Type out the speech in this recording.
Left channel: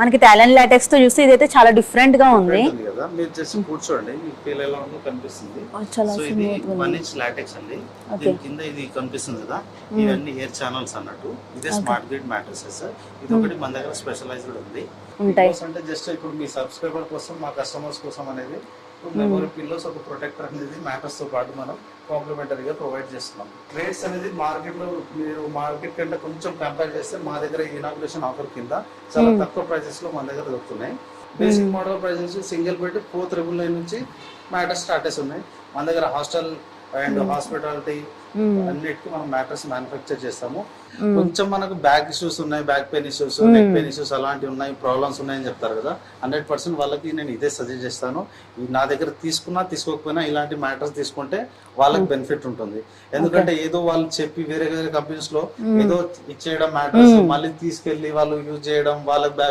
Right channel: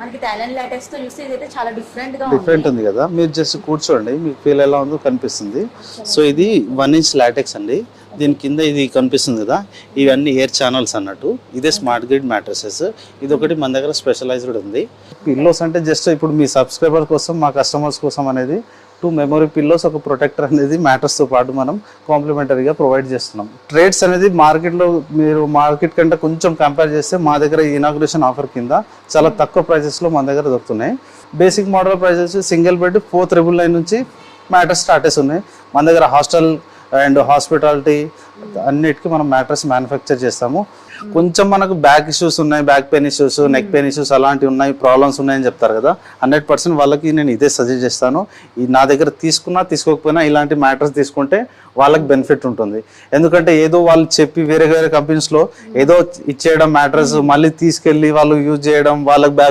మనకి Thailand LaTeX తో చూస్తే ఇదైతే చాలా డిఫరెంట్ గా ఉంది. డిఫరెంట్ ఉంది కదా, మీరు జస్ట్ కూర్చోండి మీకు ఫీల్ ఎలా ఉందో కనిపిస్తుంది. సో ఇది 1 ఇంచ్ లాటెక్స్ అండి. దీని కింద ఇది కనిపిస్తుంది కదా, ఇవన్నీ ఎయిర్ ఛానల్స్ అన్నట్టు. ఇదే స్మార్ట్ గ్రిడ్ మ్యాట్రసెస్. ఇది ఒకటి మన దగ్గర స్పెషలైజ్డ్ ఉంది. పిల్లోస్ అంటే జస్ట్ ఇప్పుడు మీ సబ్స్క్రైబర్ కోసం, మా కస్టమర్స్ కోసం అనేది 2 మెమరీ పిల్లోస్, ఒక ప్రొటెక్టర్ అనేది మ్యాట్రస్ తో పాటు మనం కాంప్లిమెంటరీగా ప్రొవైడ్ చేస్తున్నాం. ట్రేడ్స్ అనేది మార్కెట్ లో మీరు మార్కెట్ కంటే కొంచెం కంపేర్ చేస్తే మా దగ్గర ఇనాగ్రేషన్ ఆఫర్ కింద చాలా తక్కువ ప్రైసెస్ లో మన దగ్గర దొరుకుతున్నాయి. Basic model prices single bed 499 నుంచి మ్యాట్రస్ స్టార్టర్స్ ఉన్నాయి. మన దగ్గర హాస్టల్ అండ్ హాస్పిటాలిటీ అన్నిటికీ మనం మ్యాట్రస్ మ్యానుఫ్యాక్చర్ చేస్తాము. కొంచెం మనకు బ్యాక్ ఇష్యూస్ ఉన్నాయి, back pain issues, neck pain issues అలాంటివి ఉన్నాయి, ప్రాబ్లమ్స్ ఉన్నాయని చెప్తారు కదా, 100% వాళ్ళకి నేను ఇదే సజెస్ట్ చేస్తాను. నా దగ్గర తీసుకున్నా తీసుకోకపోయినా ఇలాంటి మ్యాట్రస్ తీసుకుంటే వాళ్ళకి బెనిఫిట్ ఉంటుంది. ఎందుకంటే ఏదో వాళ్ళు చెప్పి వేరే వేరే కంపెనీస్ లో ఏదో ఇచ్చేయడం మ్యాట్రస్ మళ్ళీ తీసుకెళ్లి వాళ్ళు యూజ్ చేయడం, వాళ్ళకి బ్యాక్